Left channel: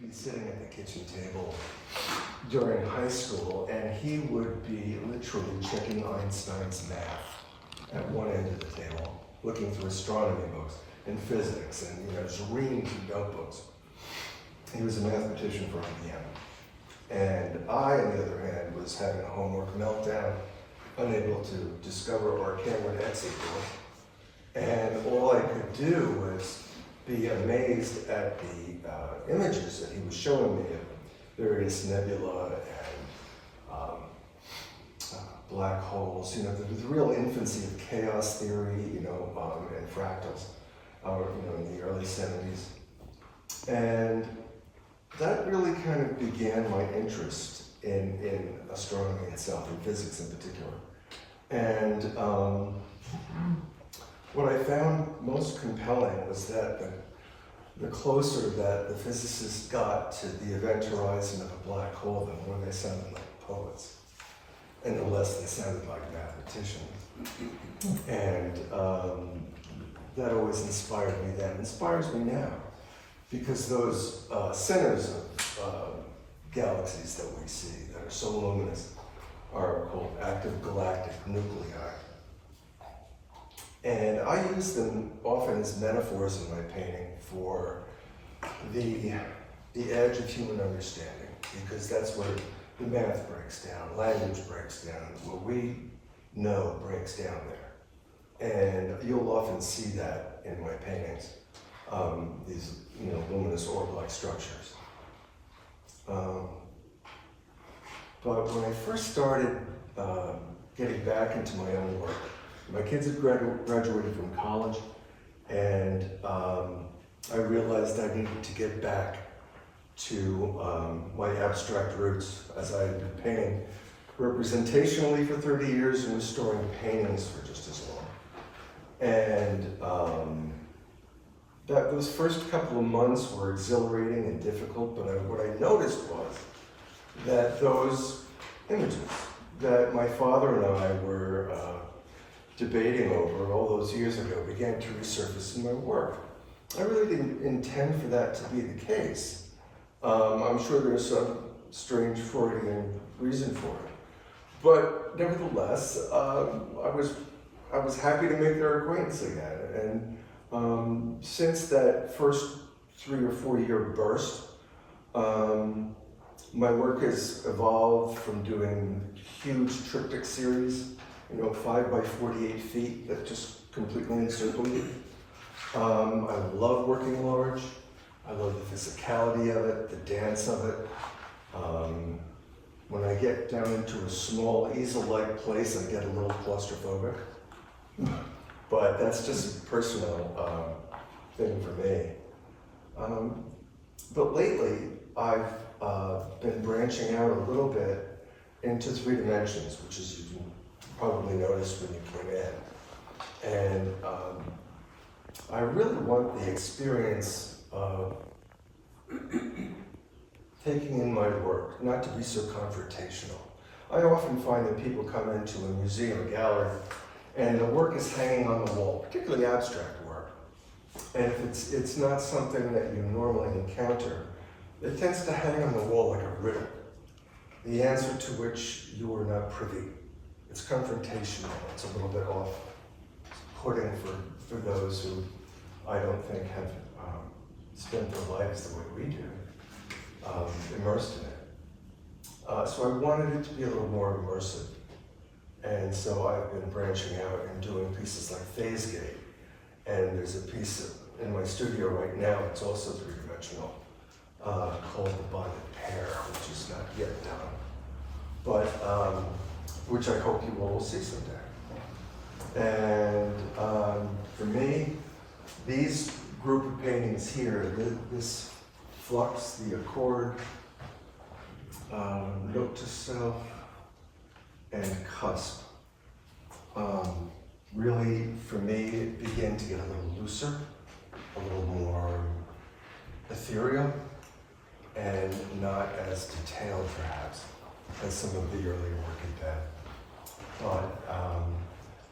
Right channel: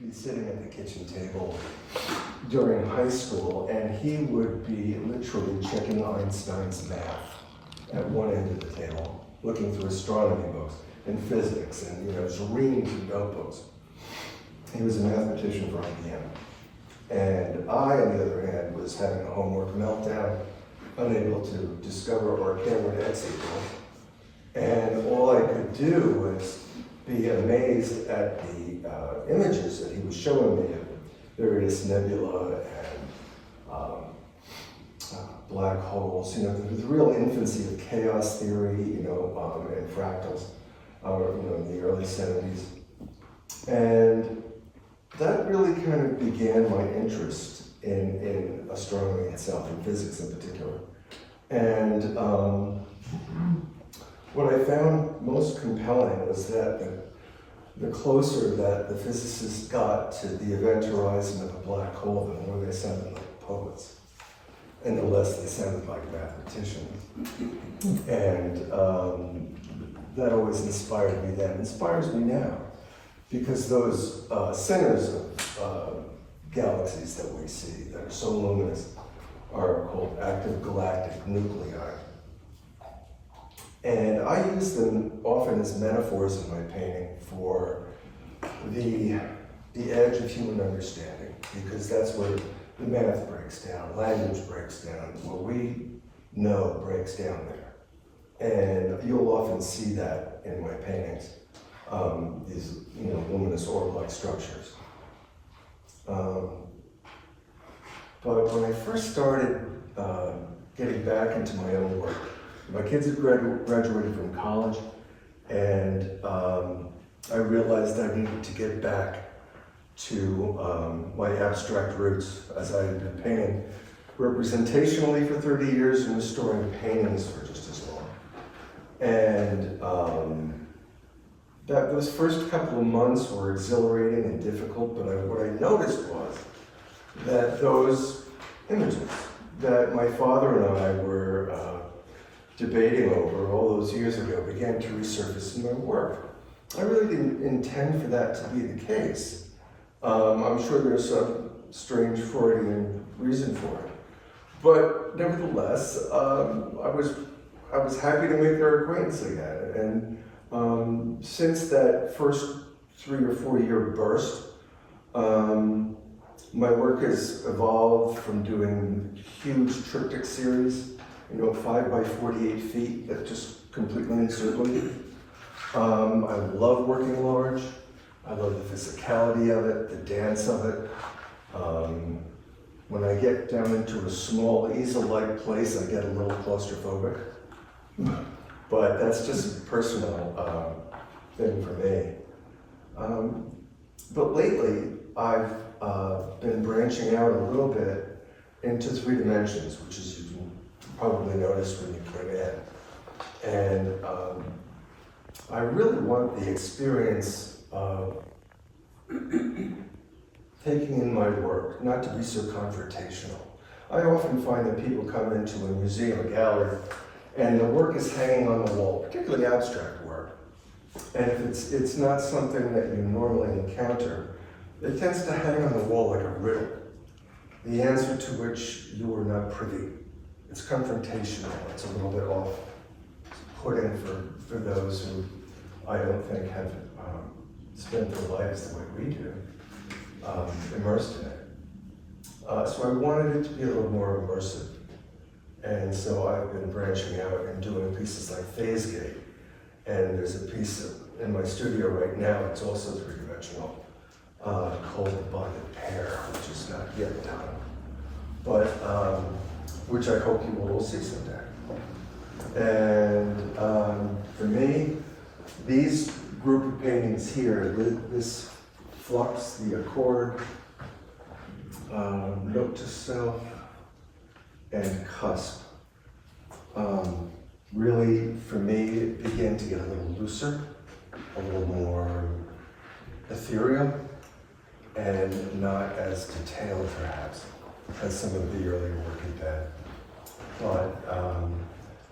be sitting at the kitchen table during high school, and he would be literally checking Einstein's math at one end of the table, looking through astronomy books and physics and, reams of notebooks. He was a mathematician for IBM. And I, on the other hand, was having a homework meltdown, unable to discover our camera to exit door. And all I could do was be amazed at the images that he was showing me of various nebula and black holes, the real infancy of chaos theory, and fractals, in the early 70s. And that really kind of began my interest in astronomy itself, in physics in particular. And what I found most compelling was that the closer that the physicists got to the event horizon of a black hole, the more they sounded like poets, and the less they sounded like mathematicians. And that always inspired me then, inspires me now, because those centers of galaxies that we see that are so luminous are called active galactic nuclei. And I use them often as metaphors in my painting for the edge of human understanding, because that's where the math breaks down, language breaks down, what we know breaks down there. And you'll often see that in my paintings, these luminous orb-like structures. But when I first started getting back into my own work, my kids had graduated from college, and I realized I needed to get back to my abstract roots, as I had been painting representationally for 30 years and restoring paintings for just as long. And those first couple of months were exhilarating and difficult, but what I noticed was that those images that my father and I were debating over all those years ago began to resurface in my work. I really didn't intend for that to be the case. I'm sure there's some strange Freudian reason for it. But nevertheless, I was happy to make their acquaintance again. And since that first 3 or 4 year burst, my work has evolved from doing huge triptych series, 5 by 48 feet that just completely encircle you. I love working large. I love the physicality of it, the dance of it. When I get down into a small easel-like place, I get a little claustrophobic. But that's just a personal thing for me. But lately, I've been branching out a little bit into 3 dimensions, which is you probably noticed when you came in. And I really want the experience of taking in my work, not to be so confrontational. I often find that people come into a museum, a gallery, and the work is hanging on the wall, particularly abstract work. And if it's not something that you normally encounter, it tends to hang on the wall like a riddle, the answer to which you are not privy. It's confrontational, it's a little bit off-putting for those who I don't think have spent their lives the way we do, immersed in it. So I wanted it to be a little more immersive. And so I've been branching out and doing pieces like Phase Gate. And there's a piece in my studio right now, it's also 3-dimensional, called The Bonded Pair, which is not yet done, but which I hope you will all see someday. And for me, these group of paintings here, this flux, the accord, note to self, and cusp, really, for me, began to get a little looser, a little more ethereal, and not as detailed, perhaps, as some of the earlier work had been. But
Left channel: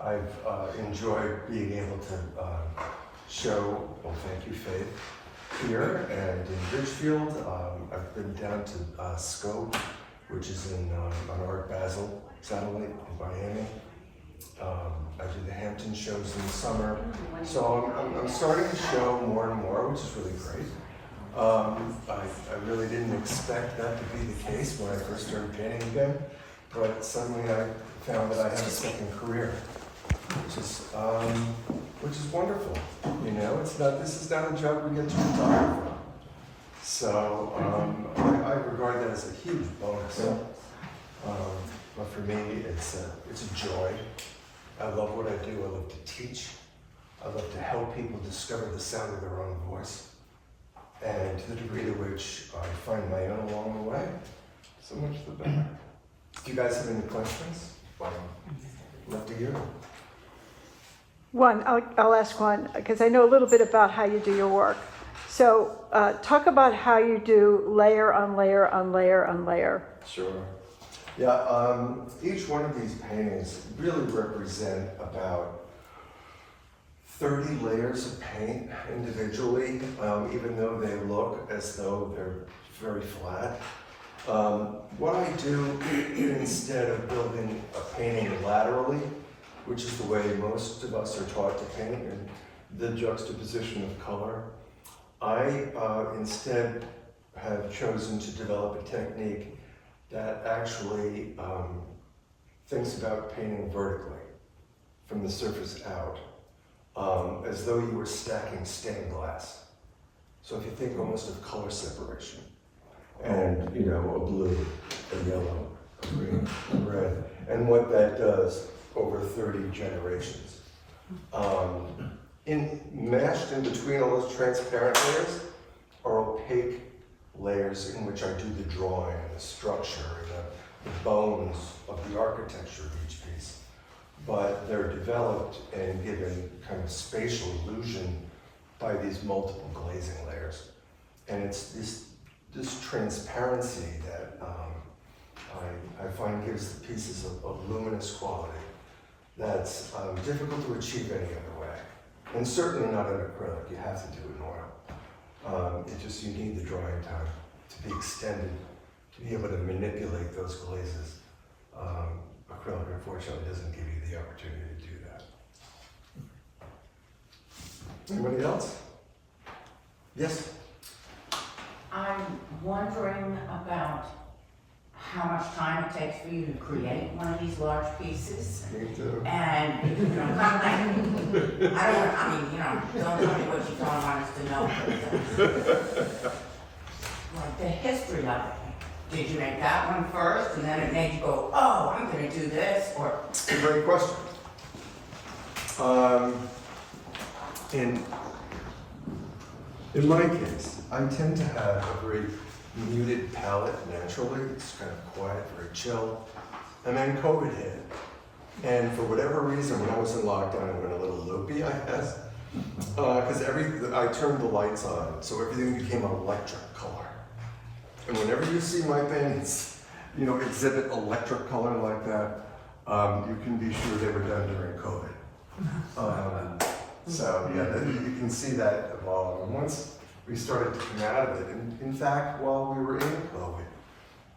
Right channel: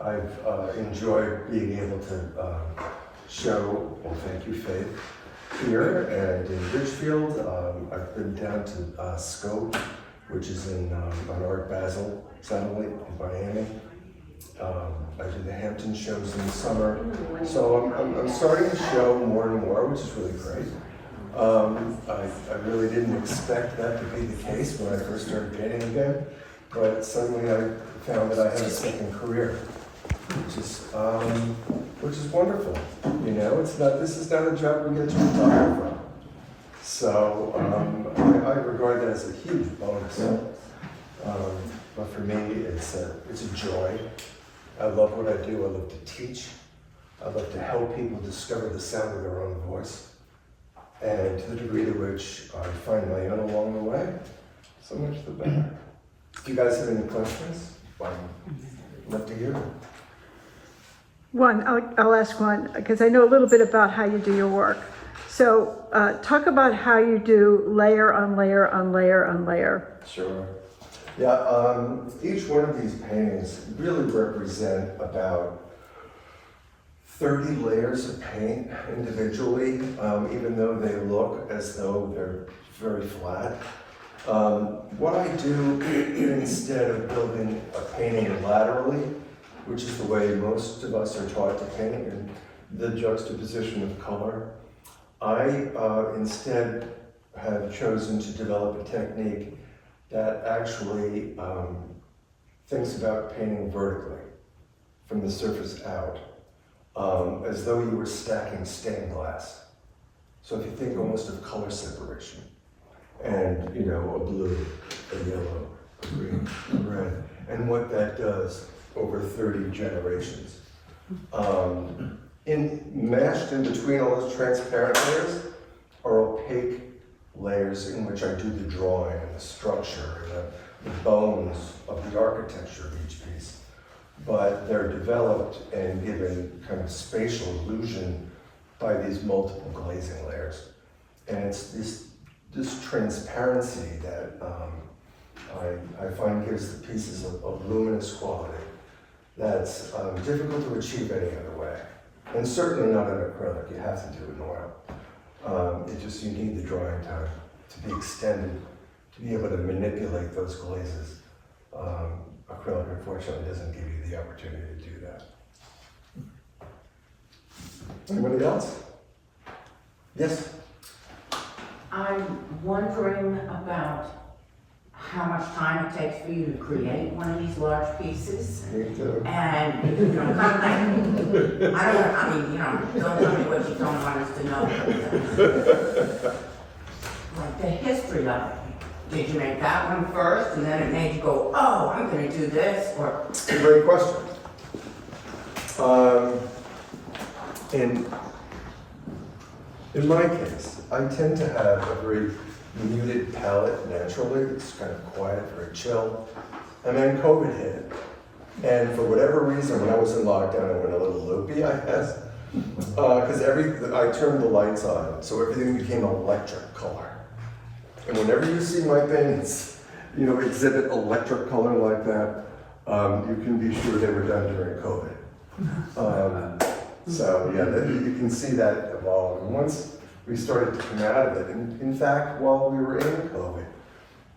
I've enjoyed being able to show, well, thank you, Faith, here and in Ridgefield. I've been down to Scope, which is on Art Basel satellite in Miami. I do the Hampton shows in the summer. So I'm starting to show more and more, which is really great. I really didn't expect that to be the case when I first started painting again, but suddenly I found that I have a second career, which is wonderful. You know, this is not a job we get to retire from. So I regard that as a huge bonus. But for me, it's a joy. I love what I do. I love to teach. I love to help people discover the sound of their own voice. And to the degree to which I find my own along the way, so much the better. Do you guys have any questions? I'd love to hear them. One, I'll ask one, because I know a little bit about how you do your work. So talk about how you do layer on layer on layer on layer. Sure. Yeah, each one of these paintings really represent about 30 layers of paint individually, even though they look as though they're very flat. What I do instead of building a painting laterally, which is the way most of us are taught to paint, and the juxtaposition of color, I instead have chosen to develop a technique that actually thinks about painting vertically, from the surface out, as though you were stacking stained glass. So if you think almost of color separation, and you know, a blue, a yellow, a green, a red, and what that does over 30 generations. Mashed in between all those transparent layers are opaque layers in which I do the drawing and the structure and the bones of the architecture of each piece. But they're developed and given kind of spatial illusion by these multiple glazing layers. And it's this transparency that I find gives the pieces a luminous quality that's difficult to achieve any other way. And certainly not in acrylic, you have to do it in oil. You need the drying time to be extended, to be able to manipulate those glazes. Acrylic, unfortunately, doesn't give you the opportunity to do that. Anybody else? Yes? I'm wondering about how much time it takes for you to create one of these large pieces. Me too. And, you know, kind of like, don't tell me what you don't want us to know. Like the history of it. Did you make that one first and then it made you go, oh, I'm gonna do this, or? It's a great question. In my case, I tend to have a very muted palette naturally. It's kind of quiet, very chill. And then COVID hit. And for whatever reason, when I was in lockdown, I went a little loopy, I guess. Because I turned the lights on, so everything became electric color. And whenever you see my paintings, you know, exhibit electric color like that, you can be sure they were done during COVID. So yeah, you can see that evolve. And once we started to come out of it, and in fact, while we were in COVID,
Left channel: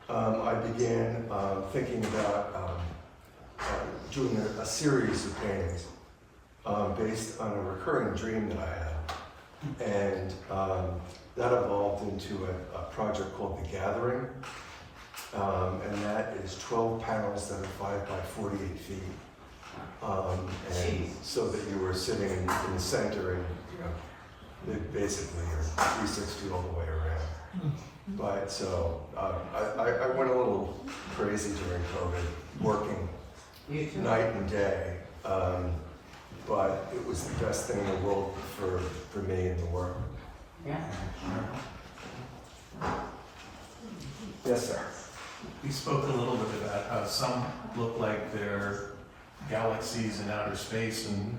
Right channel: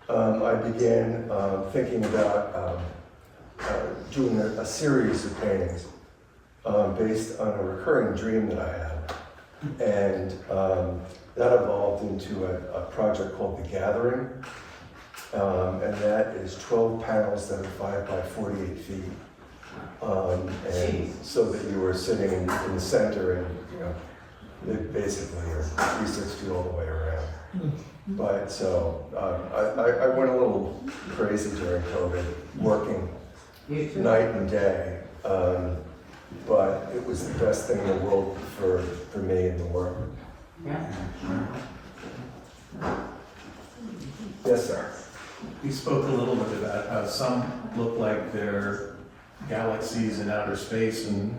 I began thinking about doing a series of paintings based on a recurring dream that I had. And that evolved into a project called The Gathering. And that is 12 panels that are 5 by 48 feet. And so that you were sitting in the center and, you know, they basically are 360 all the way around. But so I went a little crazy during COVID, working night and day. But it was the best thing in the world for me and the work. Yeah. Yes, sir. We spoke a little bit about how some look like they're galaxies in outer space and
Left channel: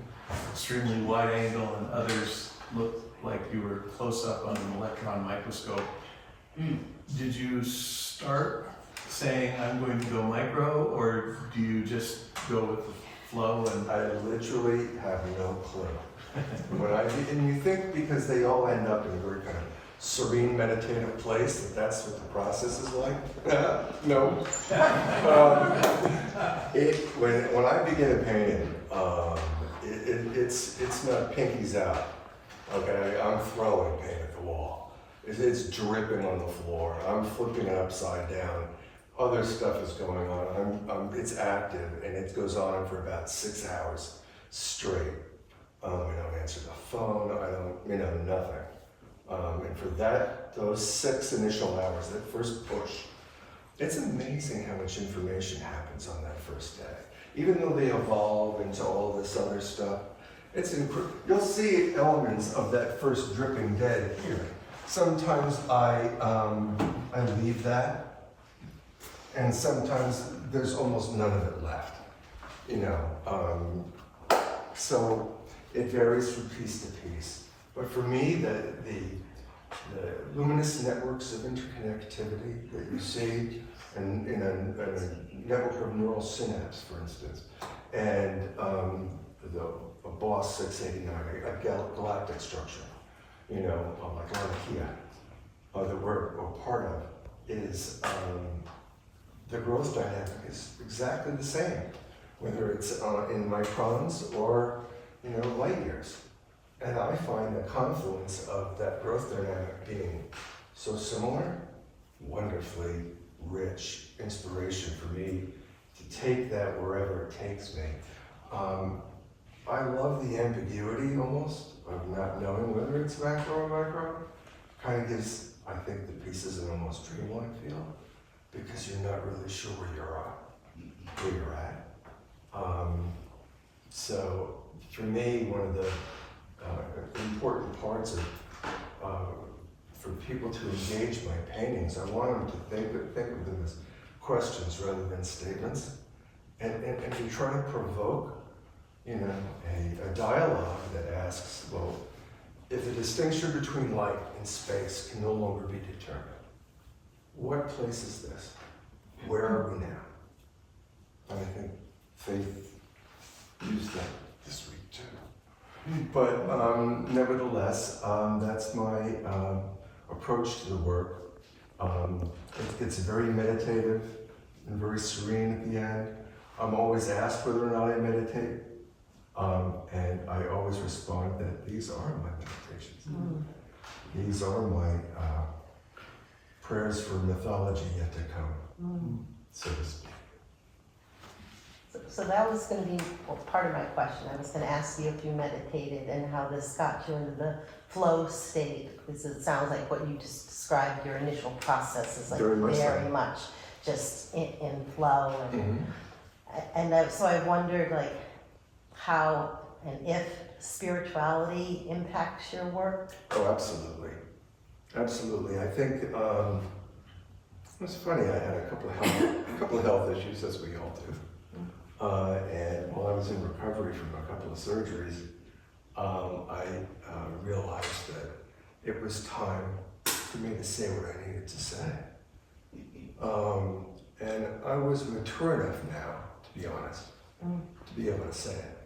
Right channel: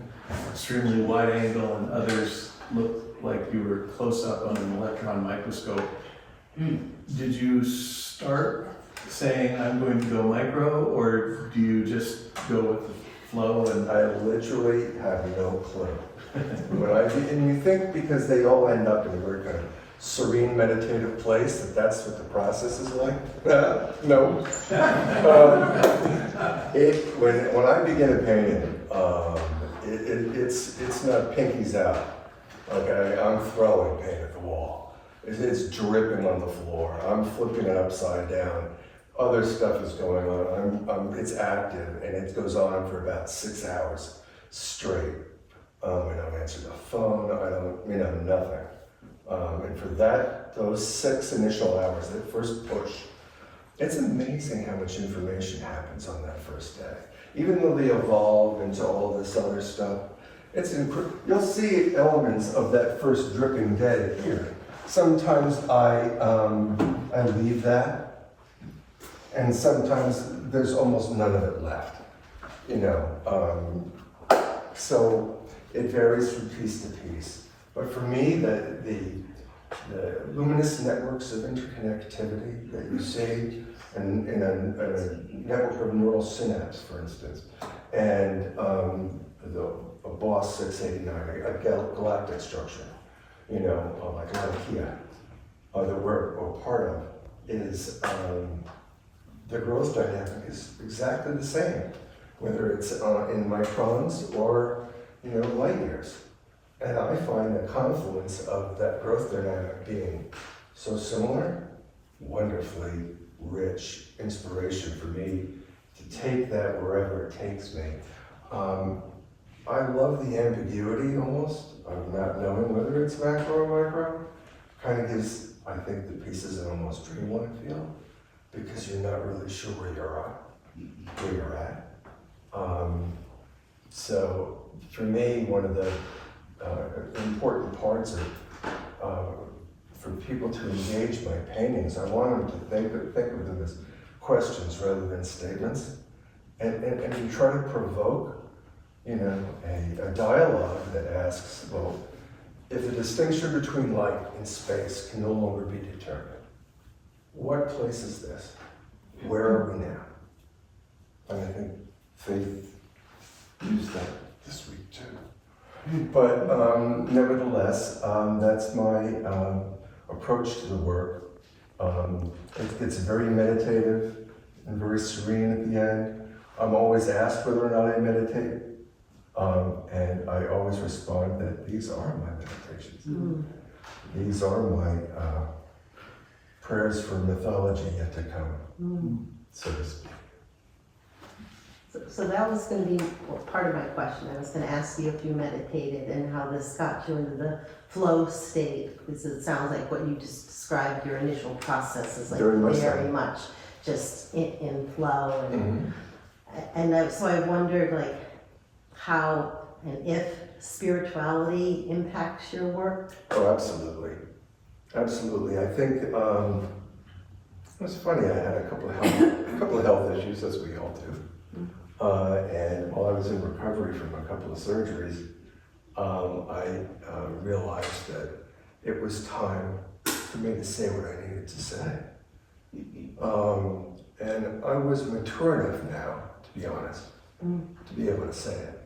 extremely wide angle, and others look like you were close up on an electron microscope. Did you start saying, I'm going to go micro, or do you just go with the flow? And I literally have no clue. And you think because they all end up in a very kind of serene meditative place, that's what the process is like? No. When I begin a painting, it's not pinkies out, okay? I'm throwing paint at the wall. It's dripping on the floor. I'm flipping it upside down. Other stuff is going on. It's active, and it goes on for about 6 hours straight. I don't answer the phone. I don't, nothing. And for those 6 initial hours, that first push, it's amazing how much information happens on that first day. Even though they evolve into all this other stuff, you'll see elements of that first dripping day here. Sometimes I leave that, and sometimes there's almost none of it left, so it varies from piece to piece. But for me, the luminous networks of interconnectivity that you see in a network of neural synapse, for instance, and a BOSS 689, a galactic structure, like Latakia, that we're a part of, is the growth dynamic is exactly the same, whether it's in microns or light years. And I find the confluence of that growth dynamic being so similar, wonderfully rich inspiration for me to take that wherever it takes me. I love the ambiguity almost of not knowing whether it's macro or micro. Kind of gives, I think, the pieces an almost dreamlike feel, because you're not really sure where you're at. So for me, one of the important parts of for people to engage my paintings, I want them to think of them as questions rather than statements, and to try to provoke, a dialogue that asks, well, if the distinction between light and space can no longer be determined, what place is this? Where are we now? And I think Faith used that this week too. But nevertheless, that's my approach to the work. It gets very meditative and very serene at the end. I'm always asked whether or not I meditate, and I always respond that these are my meditations. These are my prayers for mythology yet to come, so to speak. So that was going to be part of my question. I was going to ask you if you meditated and how this got you into the flow state, because it sounds like what you just described, your initial process is like very much just in flow. And so I wondered like how and if spirituality impacts your work. Oh, absolutely. Absolutely. I think it's funny, I had a couple of health issues, as we all do. And while I was in recovery from a couple of surgeries, I realized that it was time for me to say what I needed to say. And I was mature enough now, to be honest, to be able to say it.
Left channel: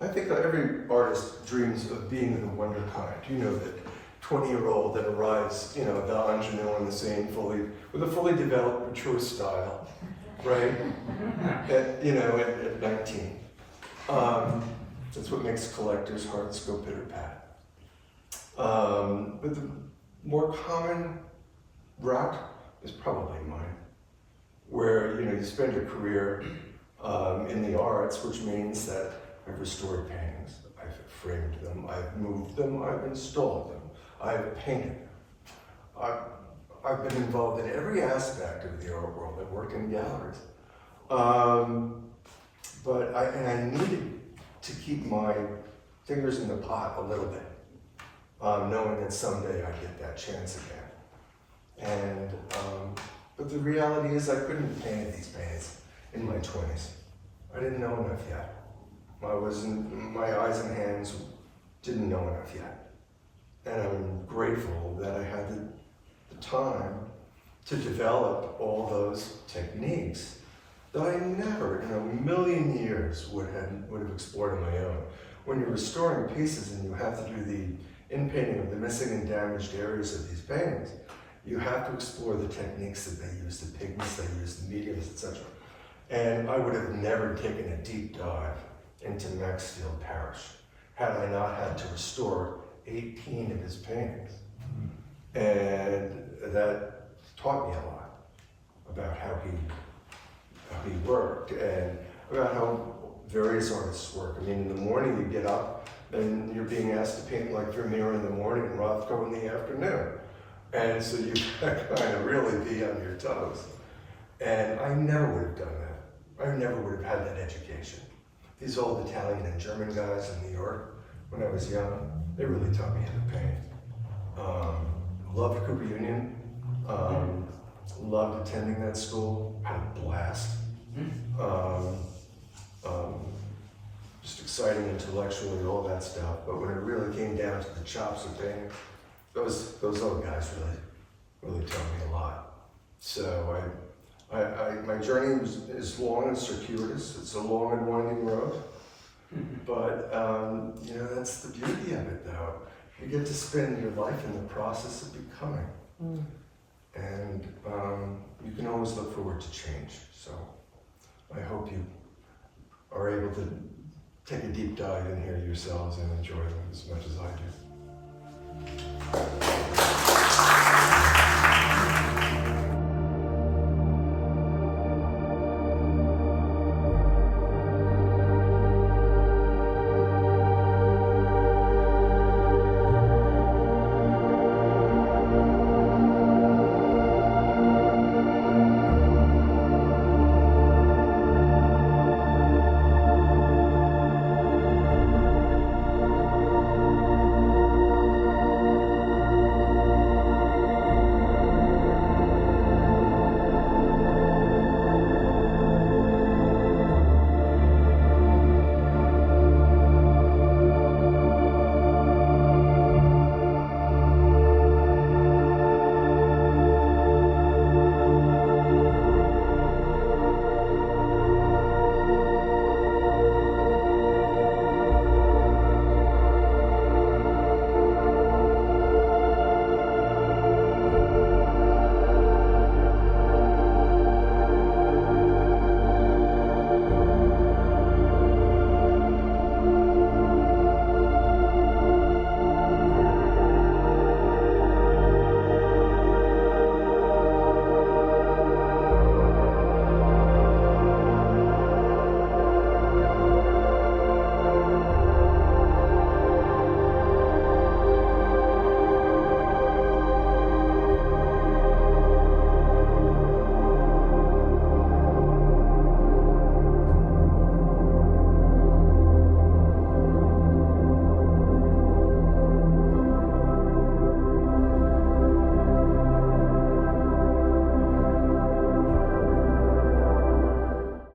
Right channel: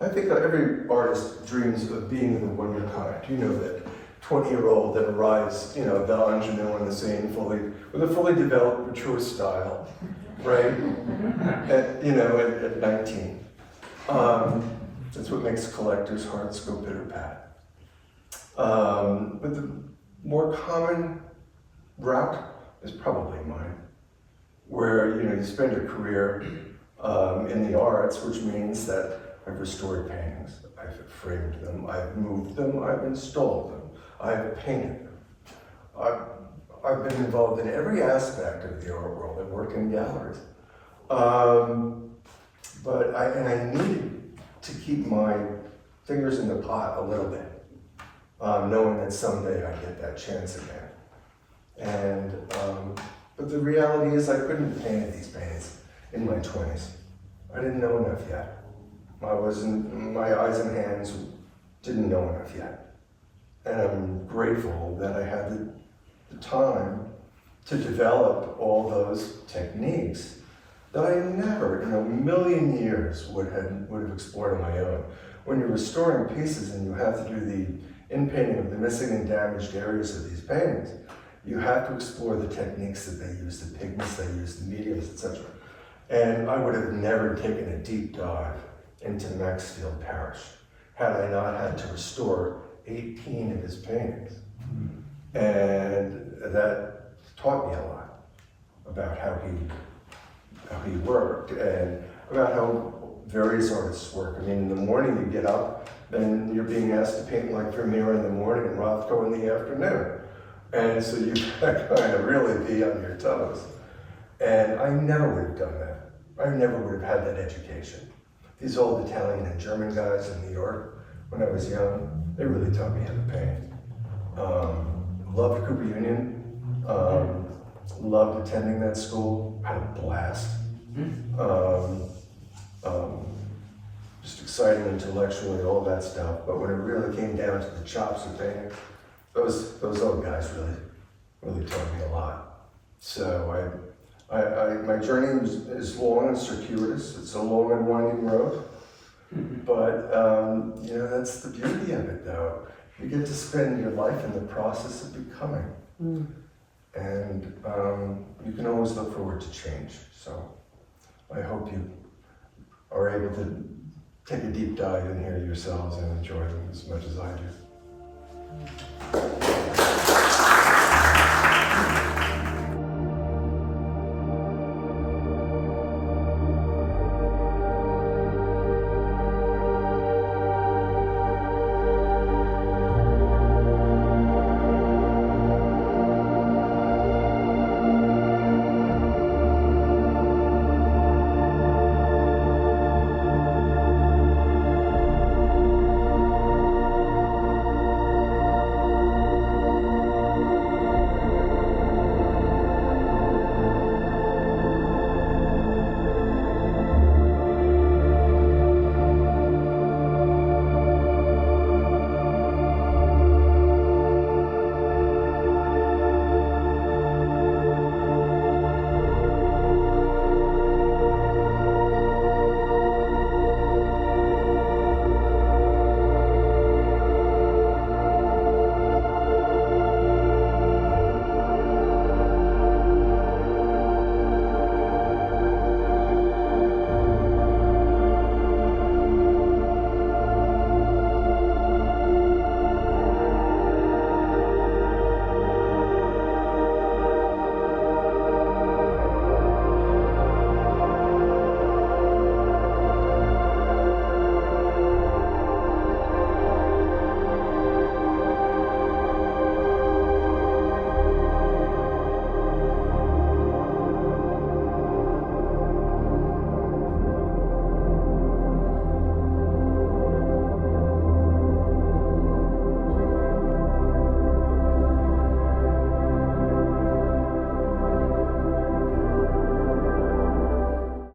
I think every artist dreams of being the wonder kind. That 20-year-old that arrives, the ingenue on the scene with a fully developed, mature style. Right? At 19. That's what makes collectors' hearts go pitter-pat. But the more common route is probably mine, where you spend your career in the arts, which means that I've restored paintings, I've framed them, I've moved them, I've installed them, I've painted them. I've been involved in every aspect of the art world. I've worked in galleries. But I needed to keep my fingers in the pot a little bit, knowing that someday I'd get that chance again. But the reality is I couldn't paint these paintings in my 20s. I didn't know enough yet. My eyes and hands didn't know enough yet. And I'm grateful that I had the time to develop all those techniques that I never in a million years would have explored on my own. When you're restoring pieces and you have to do the in-painting of the missing and damaged areas of these paintings, you have to explore the techniques that they use, the pigments they use, the mediums, etc. And I would have never taken a deep dive into Maxfield Parish had I not had to restore 18 of his paintings. And that taught me a lot about how he worked and about how various artists work. I mean, in the morning you get up and you're being asked to paint like Vermeer in the morning and Rothko in the afternoon. And so you kind of really be on your toes. And I never would have done that. I never would have had that education. These old Italian and German guys in New York, when I was young, they really taught me how to paint. Loved Cooper Union, loved attending that school, had a blast. Just exciting intellectually, all that stuff. But when it really came down to the chops of painting, those old guys really taught me a lot. So my journey is long and circuitous. It's a long and winding road. But you know, that's the beauty of it, though. You get to spend your life in the process of becoming. And you can always look forward to change. So I hope you are able to take a deep dive in here yourselves and enjoy them as much as I do.